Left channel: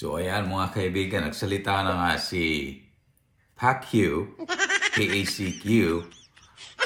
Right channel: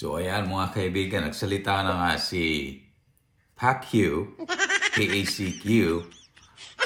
So ayan mga kaibigan, nagsalita na nga si Pacquiao, P-A-C-Q,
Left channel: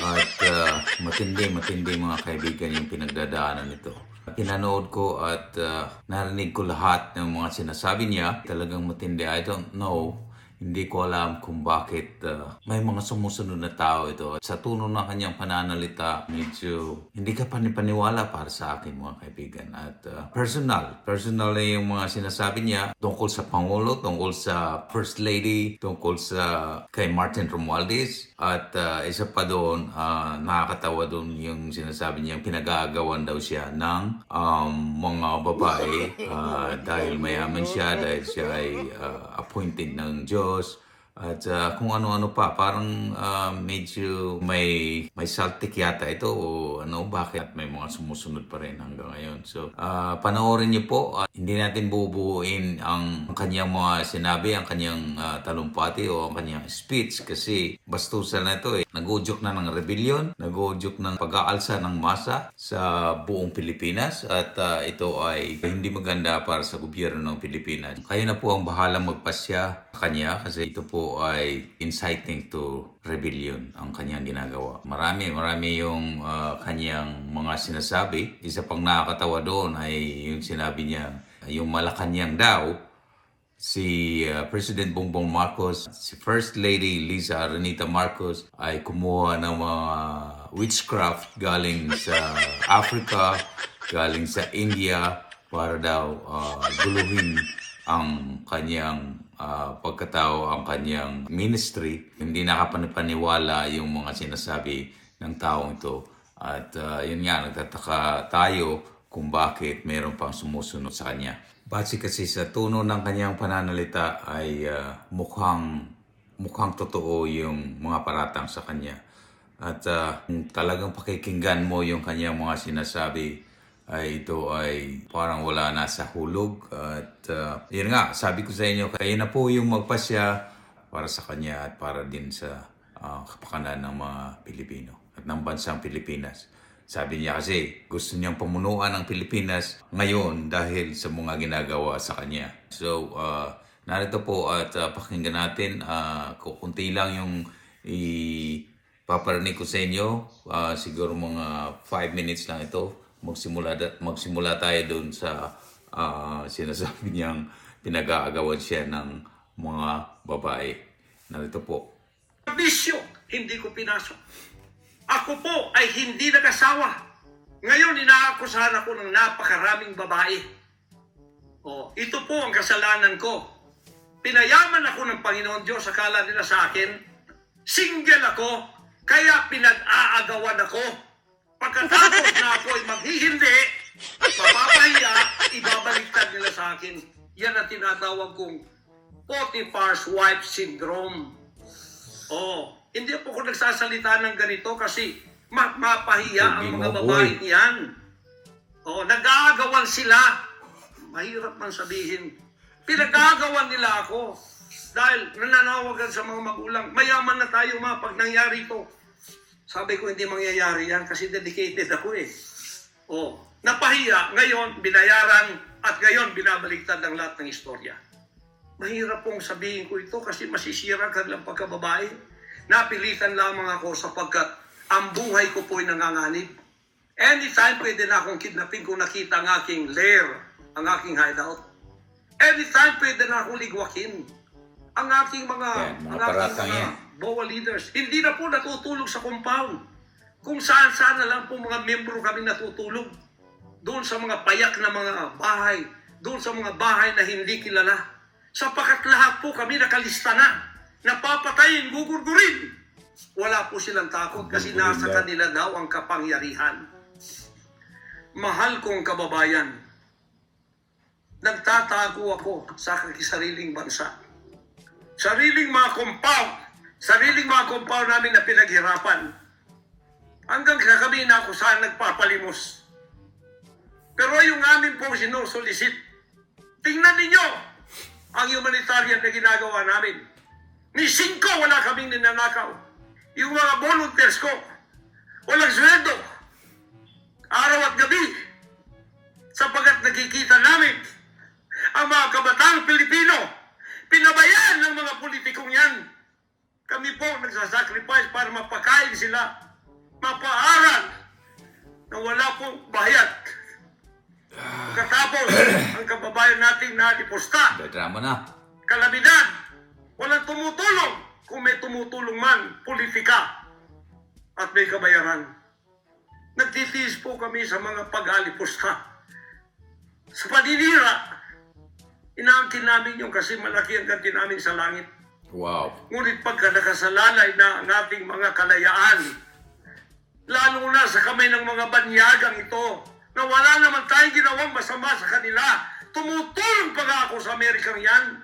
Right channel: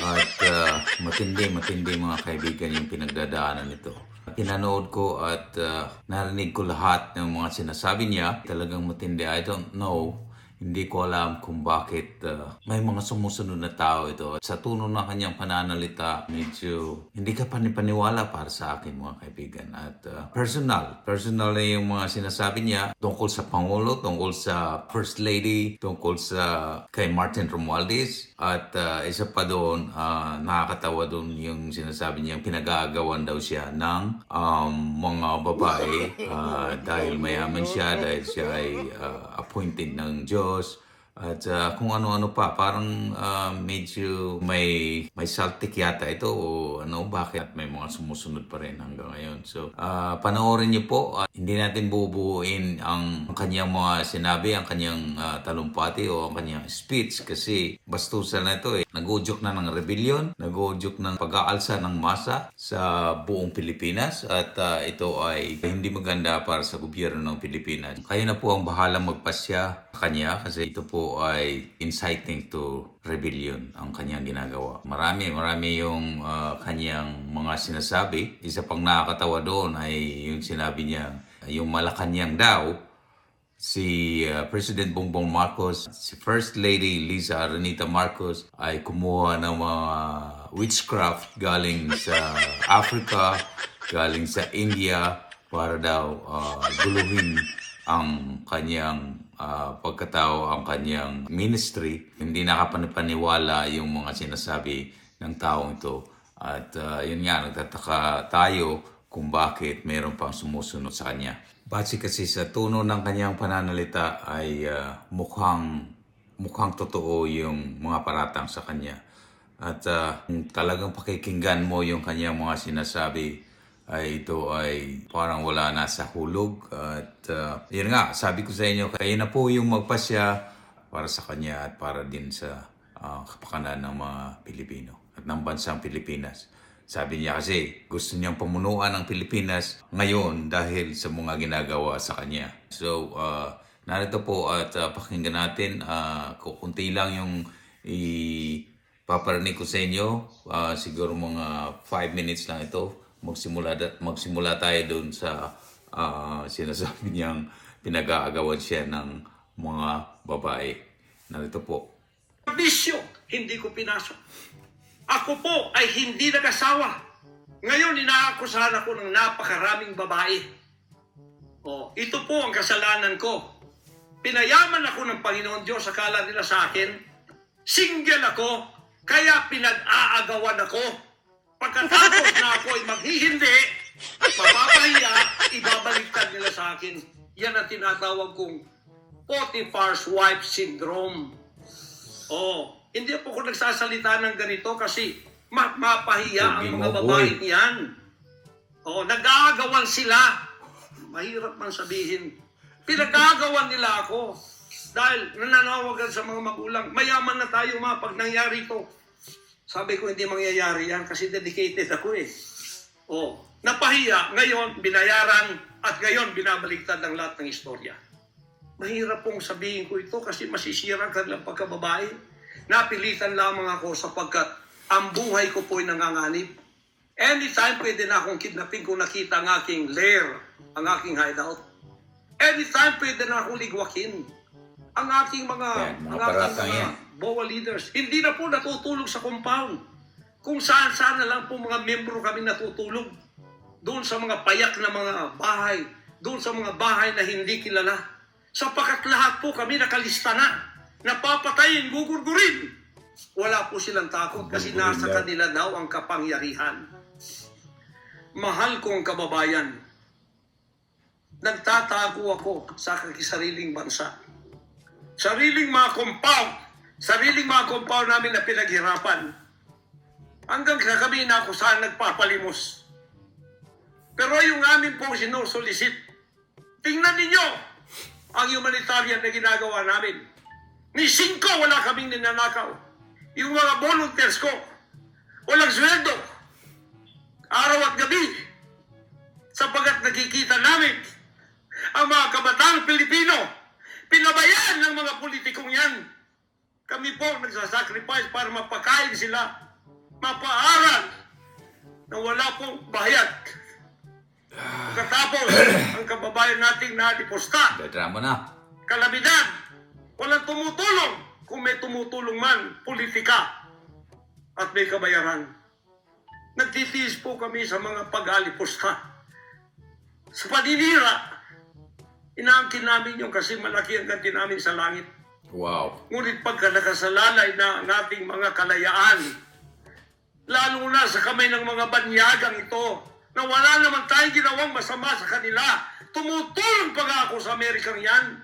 at uh, matindi, matindi mga kaibigan yung pinagdadaanan nito. Pinanood ko at uh, narinig ko lahat ng mga sinasabi niya. Talagang matindi. I don't know. Hindi ko alam kung bakit uh, may mga sumusunod na tao ito. Sa tono ng kanyang pananalita, medyo hindi ka panipaniwala para sa akin mga kaibigan. At uh, personal, personal na yung mga sinasabi niya tungkol sa Pangulo, tungkol sa First Lady, tungkol sa kay Martin Romualdez. At uh, isa pa doon, uh, nakakatawa doon yung sinasabi niya, pinag-aagawan daw siya ng um, mga babae uh, dahil mayaman siya, dahil siya ay uh, appointed ng Diyos. because At uh, kung ano-ano pa, parang uh, medyo may may saltik yata ito o ano, bakit may mga sumusunod pa rin hanggang ngayon. So, uh, panoorin niyo po, uh, hindi natin bubuuin ang kanyang mga sinabi, ang kanyang uh, talumpati o ang kanyang speech kasi bastusan na ito eh. Nag-udyok na ng rebellion, nag-udyok ng pag-aalsa ng masa sa buong Pilipinas at uh, ito ay hindi maganda para sa gobyerno ng Pilipinas. Kayo na po ang bahala magpasya kanya kasi ito po ay inciting to rebellion ang kanyang ginagawa. Marami, marami yung uh, kanyang mga sinasabi. Isa pang nakakatawa doon ay yung sinabi niya, yung Malacanang daw, si uh, President Bongbong Marcos, si First Lady Liza Aranita Marcos ay kumuha ng mga witchcraft galing sa Africa, galing sa India para daw uh, guluhin ang kanyang uh, pagkatao, ang kanyang ministry. Hindi nakapanipaniwala yung mga sinasabi ng taong ito. At uh, yun nga, nagtataka tayo kung bakit mayroon pang sumusunod sa kanya. Base kasi sa tono ng kanyang pananalita ay uh, mukhang mukhang totoo yung mga paratang sa kanya. At uh, talagang pakikinggan mo yung kanyang mga sinasabi, ay ito ay parang wala na sa hulog. At uh, yun nga, sabi ko sa inyo, kayo na po yung magpasya para sa kanya at para din sa uh, kapakanan ng mga Pilipino at ng bansang Pilipinas. Sabi niya kasi gusto niyang pamunuan ng Pilipinas ngayon dahil sa mga ginagawa sa kanya. So, uh, narito po at uh, pakinggan natin. Uh, kukunti lang yung ipaparinig ko sa inyo. Uh, siguro mga 5 minutes lang ito. Magsimula, magsimula tayo doon sa uh, sinasabi niyang pinag-aagawan siya ng mga babae. Narito po. bisyo, hindi ko pinasok. Ako po ay hindi nag-asawa. Ngayon, inaakusahan ako ng napakaraming babae. Oh, ito po ang kasalanan ko. Pinayaman ako ng Panginoon Diyos, akala nila sa akin, single ako, kaya pinag-aagawan ako. Pagkatapos na ako ay maghihindi, mapapahiya, ibabaliktad nila sa akin. Yan ang tinatawag kong Potiphar's wife syndrome. Oh, hindi po ako nagsasalita ng ganito kasi ma- mapahiya ang mga babae niyan. Oh, nag-aagawan sila. Mahirap man sabihin. Pinag-aagawan nila ako. Dahil nananawagan sa mga magulang, mayaman na tayo ma pag nangyari to. Sabi ko, hindi mangyayari yan kasi dedicated ako eh. Oh, napahiya, ngayon binayaran at ngayon binabaliktad ang lahat ng istorya. Mahirap pong sabihin ko ito kasi masisira ang kanilang pagkababae. Napilitan lamang ako sapagkat ang buhay ko po ay nanganganib. Anytime pwede na akong kidnapin kung nakita ang aking lair, ang aking hideout. Anytime pwede na akong ligwakin. Ang aking mga, Yan, mga ang aking yan. mga BOA leaders, hindi na po natutulog sa compound. Kung saan-saan na lang po mga membro kami natutulog. Doon sa mga payak na mga bahay, doon sa mga bahay na hindi kilala. Sapagat lahat po kami nakalista na. Napapatayin, gugurgurin. Wala po silang takot kasi nasa kanila daw ang kapangyarihan. Mahal kong kababayan, nagtatago ako sa sariling bansa. Sariling mga compound, sariling mga compound namin na pinaghirapan. Hanggang sa kami na ako saan nagpapalimos. Pero yung amin pong sinusulisit, tingnan ninyo ang humanitarian na ginagawa namin. Ni Cinco wala kaming ninanakaw. Yung mga volunteers ko, walang sweldo. Araw at gabi. Sapagat nakikita namin ang mga kabataang Pilipino Pinabayaan ng mga politikong yan. Kami po nagsasacrifice para mapakain sila, mapaaral na wala pong bayad. Pagkatapos, ang kababayan nating nadiposta. Drama na. Kalamidad. Walang tumutulong. Kung may tumutulong man, politika. At may kabayaran. Nagtitiis po kami sa mga pag-alipusta. Sa paninira, inaangkin namin yung kasi malaki ang ganti namin sa langit. Wow. Ngunit pagka nakasalalay na ang ating mga kalayaan, lalo na sa kamay ng mga banyagang ito, na wala naman tayong ginawang masama sa kanila, tumutulong pa nga ako sa Amerikang yan.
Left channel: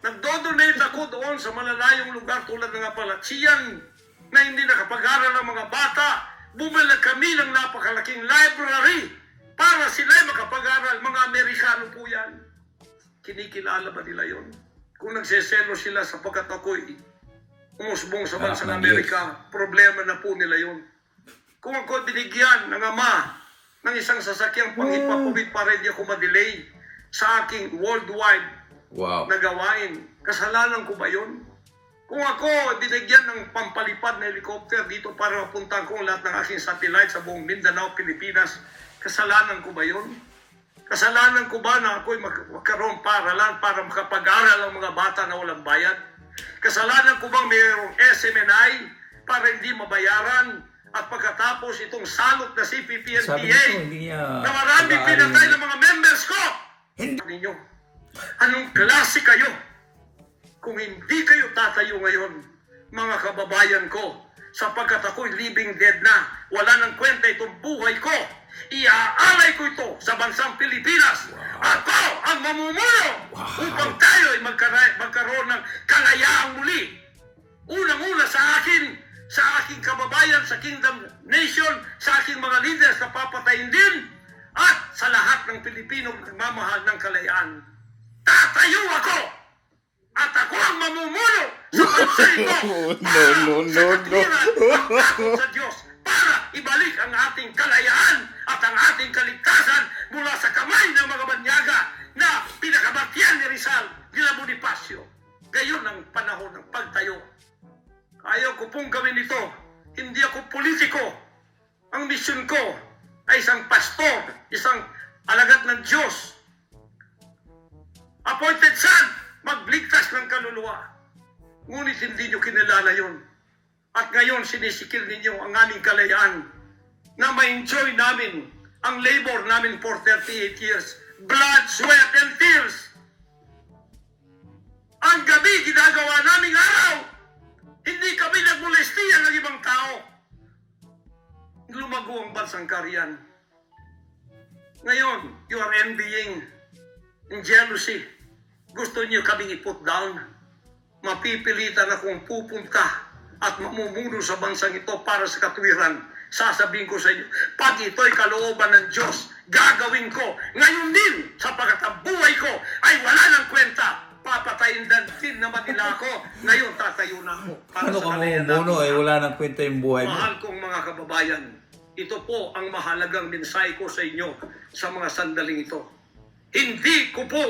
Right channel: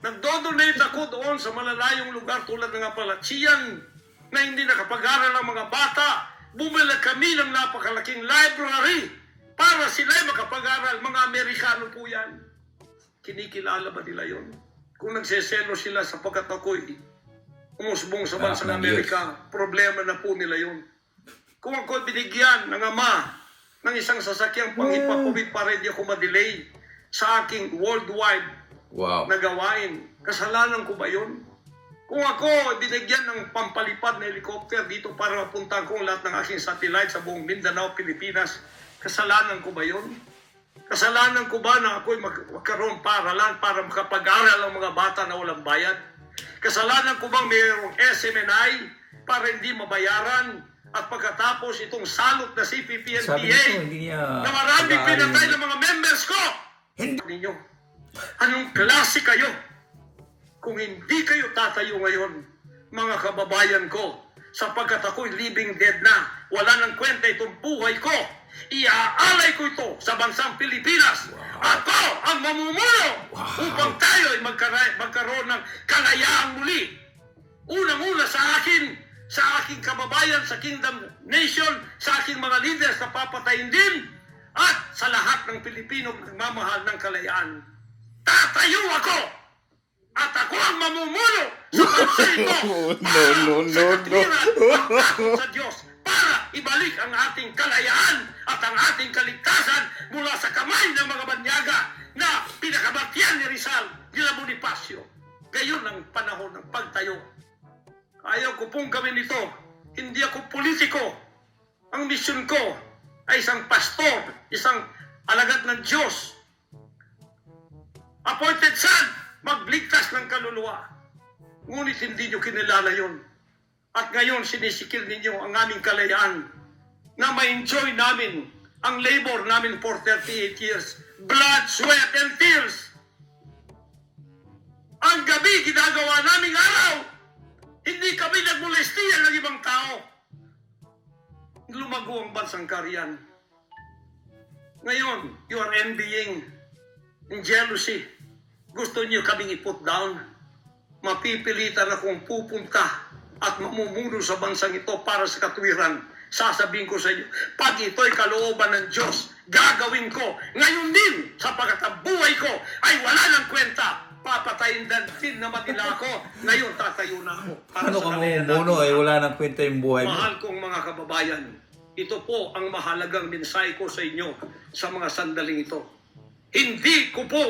Nagdodonate ako doon sa malalayong lugar tulad ng Apalachian na hindi nakapag-aral ang mga bata. Bumili kami ng napakalaking library para sila makapag-aral. Mga Amerikano po yan. Kinikilala ba nila yon? Kung nagseselo sila sapagkat ako'y umusbong sa Anak bansang ng Amerika, problema na po nila yon. Kung ako binigyan ng ama ng isang sasakyang panghipapuwid para hindi ako madelay sa aking worldwide Wow. na gawain, kasalanan ko ba yun? Kung ako binigyan ng pampalipad na helicopter dito para mapuntahan ko lahat ng aking satellite sa buong Mindanao, Pilipinas, kasalanan ko ba yun? Kasalanan ko ba na ako'y mag- magkaroon paralan para makapag-aral ang mga bata na walang bayad? Kasalanan ko bang mayroong SMNI para hindi mabayaran at pagkatapos itong salot na CPP hindi niya na marami pinatay ng mga members ko. Hindi. Ninyo, anong klase kayo? Kung hindi kayo tatayo ngayon, mga kababayan ko, sapagkat ako'y living dead na, wala nang kwenta itong buhay ko, iaalay ko ito sa bansang Pilipinas. Ako ang mamumuno Wow. upang tayo ay magkara- magkaroon ng kalayaang muli. Unang-una sa akin, sa aking kababayan, sa Kingdom Nation, sa aking mga leaders na papatayin din, at sa lahat ng Pilipino nagmamahal ng kalayaan. Tatayo ako! At ako ang mamumuno sa bansa ito! No, no, no, no. sa Diyos para ibalik ang ating kalayaan at ang ating kaligtasan mula sa kamay ng mga banyaga na pinakabatyan ni Rizal, nila Bonifacio. Gayon ang panahon ng pagtayo. Ayaw ko pong gawin ito. Hindi ako politiko. Ang misyon ko ay isang pastor, isang alagad ng Diyos. Appointed son, magligtas ng kaluluwa. Ngunit hindi nyo kinilala yon. At ngayon sinisikil ninyo ang aming kalayaan na ma-enjoy namin ang labor namin for 38 years. Blood, sweat, and tears. Ang gabi ginagawa naming araw. Hindi kami nagmolestiya ng ibang tao. Lumago ang bansang kariyan. Ngayon, you are envying in jealousy. Gusto niyo kaming i-put down. Mapipilitan akong pupunta at mamumuno sa bansang ito para sa katwiran. Sasabihin ko sa inyo, pag ito'y kalooban ng Diyos, gagawin ko. Ngayon din, sapagkat ang buhay ko ay wala ng kwenta. Papatayin din naman nila ako. Ngayon, tatayo na ako. para Ano sa ka kalayan mamumuno natin. eh, wala nang kwenta yung buhay mo. Mahal kong mga kababayan, ito po ang mahalagang mensahe ko sa inyo sa mga sandaling ito. Hindi ko po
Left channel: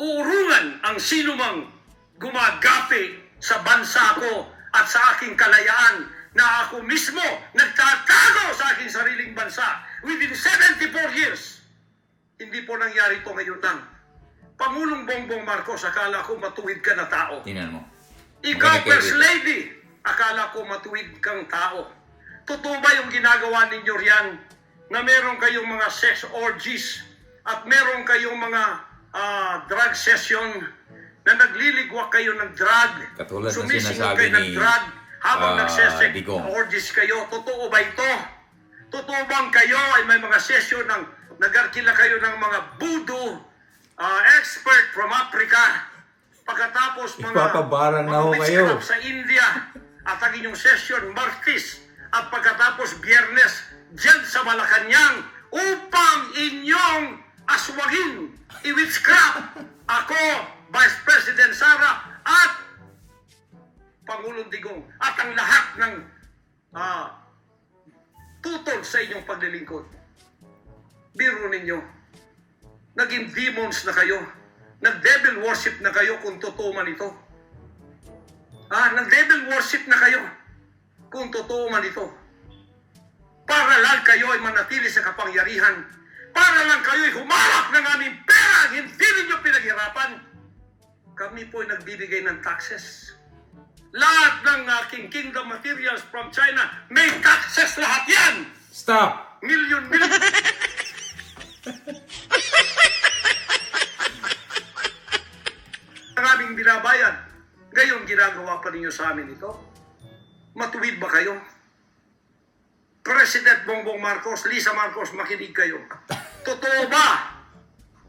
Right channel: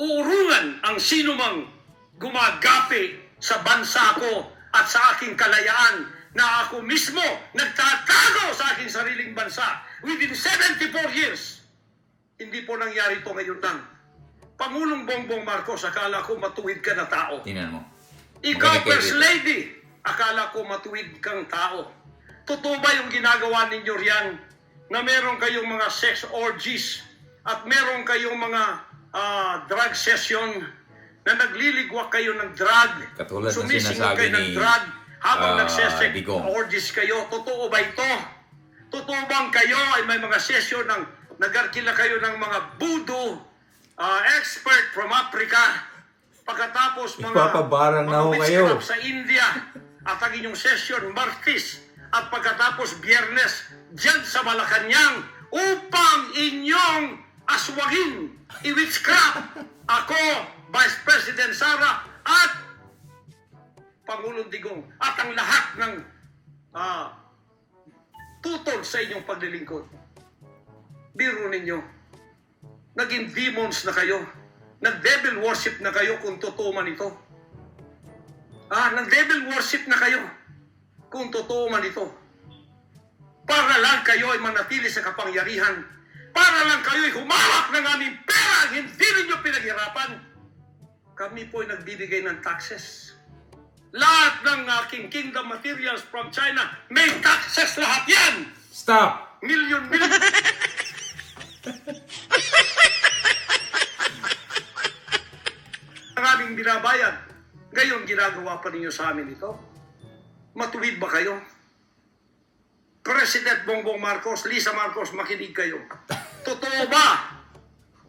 uurungan ang sinumang gumagapi sa bansa ko at sa aking kalayaan na ako mismo nagtatago sa aking sariling bansa within 74 years. Hindi po nangyari ito ngayon lang. Pangulong Bongbong Marcos, akala ko matuwid ka na tao. Tingnan mo. Ikaw, First. Lady, akala ko matuwid kang tao. Totoo ba yung ginagawa ninyo riyan na meron kayong mga sex orgies at meron kayong mga ah, drug session na nagliligwak kayo ng drug? Katulad ng sinasabi kayo ng ni, drug habang ah, nagsesex Digong. orgies kayo. Totoo ba ito? Totoo bang kayo ay may mga session ng nagarkila kayo ng mga voodoo ah, expert from Africa pagkatapos mga Ipapabarang na ho kayo. sa India at ang inyong session Martis at pagkatapos Biyernes dyan sa Malacanang upang inyong aswagin i-witchcraft ako, Vice President Sara at Pangulong Digong at ang lahat ng ah, tutol sa inyong paglilingkod. Biro ninyo, naging demons na kayo, nag-devil worship na kayo kung totoo man ito. Ah, ng devil worship na kayo. Kung totoo man ito. Para lang kayo ay manatili sa kapangyarihan. Para lang kayo ay humarap ng aming pera. Hindi ninyo pinaghirapan. Kami po ay nagbibigay ng taxes. Lahat ng aking kingdom materials from China, may taxes lahat yan! Stop! Million, million. Ang aming binabayad. Ngayon, ginagawa pa ninyo sa amin ito? Matuwid ba kayo? President Bongbong Marcos, Lisa Marcos, makinig kayo. Totoo ba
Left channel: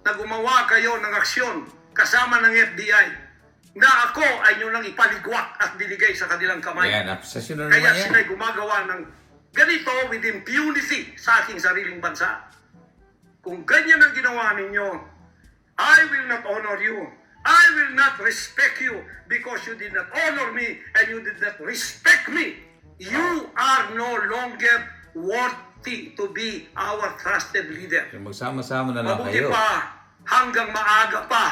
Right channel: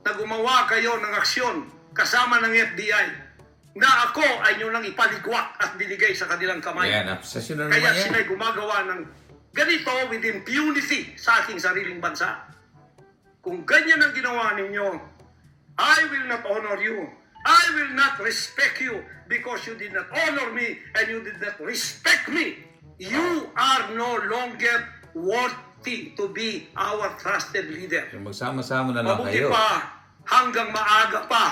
na gumawa kayo ng aksyon kasama ng FBI na ako ay nyo nang ipaligwak at binigay sa kanilang kamay? Yan, obsession na Kaya naman yan. sila'y gumagawa ng ganito with impunity sa aking sariling bansa. Kung ganyan ang ginawa ninyo, I will not honor you. I will not respect you because you did not honor me and you did not respect me. You are no longer worthy to be our trusted leader. Yung Magsama-sama na lang Mabuti kayo. pa, hanggang maaga pa,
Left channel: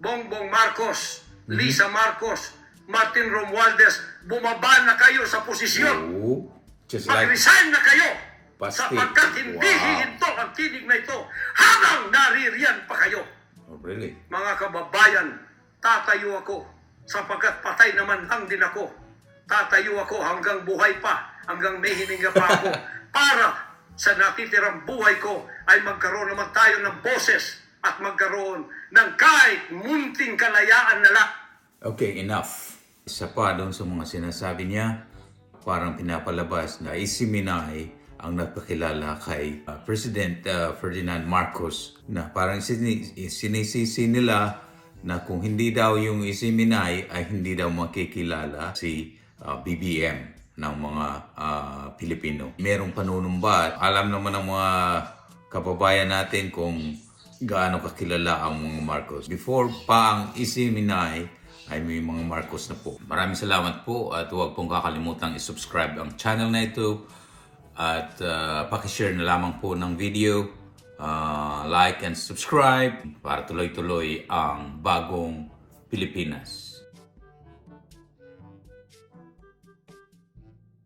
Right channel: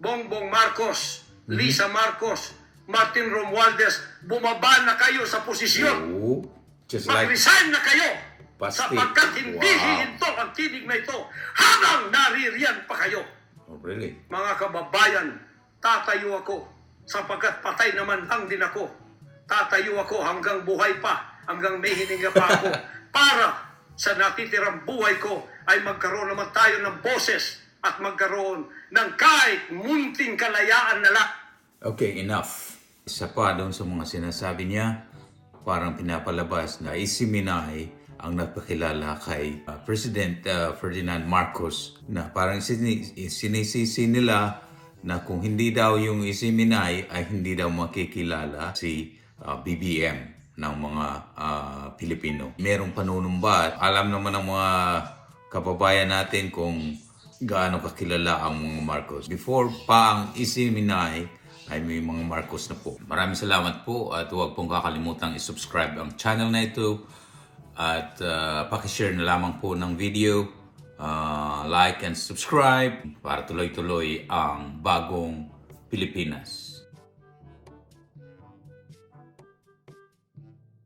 Bongbong Marcos. Lisa Marcos, Martin Romualdez, bumaba na kayo sa posisyon. Oh, just like Mag-resign na kayo. Pasti. Sapagkat hindi Wow. hihinto ang tinig na ito habang naririyan pa kayo. Oh, really? Mga kababayan, tatayo ako sapagkat patay naman lang din ako. Tatayo ako hanggang buhay pa, hanggang may hininga pa ako para sa natitirang buhay ko ay magkaroon naman tayo ng boses at magkaroon ng kahit munting kalayaan na lang. Okay, enough. Isa pa doon sa mga sinasabi niya, parang pinapalabas na isiminay ang nagpakilala kay uh, President uh, Ferdinand Marcos na parang sini- sinisisi nila na kung hindi daw yung isiminay ay hindi daw makikilala si uh, BBM ng mga uh, Pilipino. Merong panunumbat. Alam naman ng mga kababayan natin kung gaano kakilala ang mga Marcos. Before pa ang isiminay ay may mga Marcos na po. Maraming salamat po at huwag pong kakalimutan i-subscribe ang channel na ito at uh, pakishare na lamang po ng video, uh, like and subscribe para tuloy-tuloy ang bagong Pilipinas.